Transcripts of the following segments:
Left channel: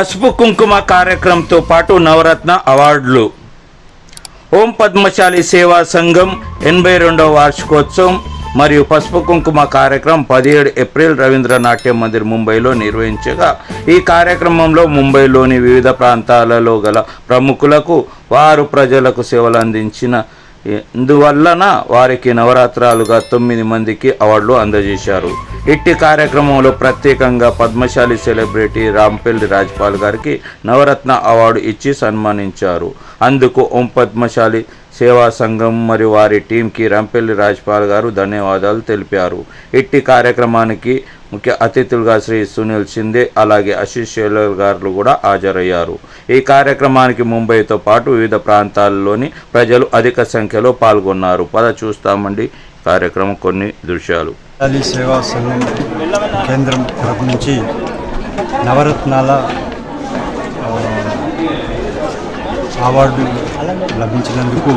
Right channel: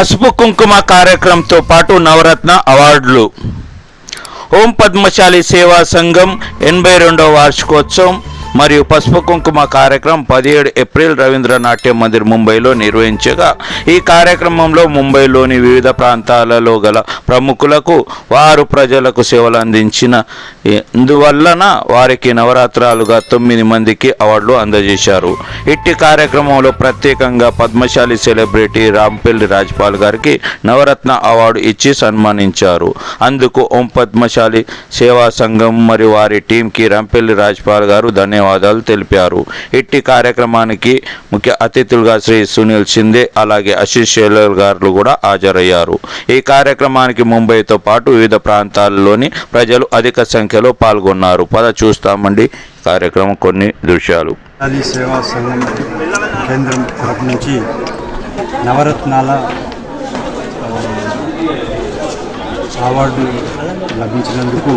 పసుపు కుంకుమ కార్యక్రమంతో పాటు నవరత్న అవార్డులు. ఓం పద్మశాలి సేవా సంఘం 82వ వార్షికోత్సవం మరియు పసుపు కుంకుమ కార్యక్రమం 17 ఏప్రిల్ రవీంద్ర నాట్య మందిర్ ముంబైలో నిర్వహించగా, ఈ కార్యక్రమంలో ముంబైలోని వివిధ ప్రాంతాలలో గల ప్రముఖులకు వారు ప్రజలకు సేవలు అందించిన అందువలన వారికి నవరాత్రాలుగా 9 మందికి అవార్డులు అందజేశారు. ఇట్టి కార్యక్రమంలో ప్రత్యేకంగా పద్మశాలి సెలబ్రిటీ రాంపల్లి రాజ్పాల్ గారికి నవరత్న అవార్డు ఇచ్చి సన్మానించారు. అందుకు ఓం పద్మశాలి సేవా సంఘం మరియు వారి టీంకి రాంపల్లి రాజ్పాల్ గారు ధన్యవాదాలు తెలిపారు. ఇట్టి కార్యక్రమానికి ముఖ్య అతిథులుగా శ్రీ సునీల్ షిందే అలాగే ఆశీష్ షేలర్ గారు కూడా హాజరయ్యారు. ఈ కార్యక్రమానికి ముంబైతో పాటు వివిధ ప్రాంతాల్లోని ప్రజలు అధిక సంఖ్యలో పాల్గొన్నారు. చూస్తామండి కార్యక్రమం కొన్ని దృశ్యాలు. సేవా సంఘం కేంద్రం తరఫు నుంచి నవరత్నాల అవార్డు లభించినందుకు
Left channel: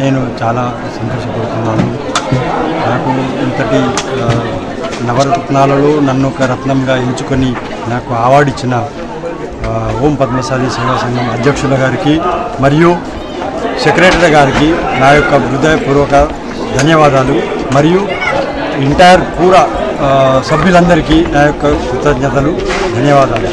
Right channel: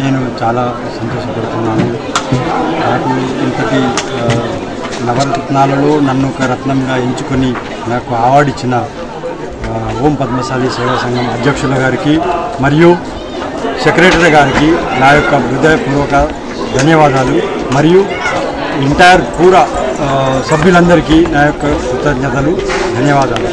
నేను చాలా సంతోషపడుతున్నాను. నాకు ఇంతటి నవరత్నాలలో నన్ను ఒక రత్నంగా ఎంచుకొని నాకు అవార్డు ఇచ్చిన ఓం పద్మశాలి సేవా సంఘం అధ్యక్షుల గారికి మరియు సెక్రటరీ గారికి నా యొక్క హృదయపూర్వక ధన్యవాదాలు. మరియు ఎంటైర్ పూరా సభ్యులందరికీ నా యొక్క కృతజ్ఞతలు, ధన్యవాదాలు.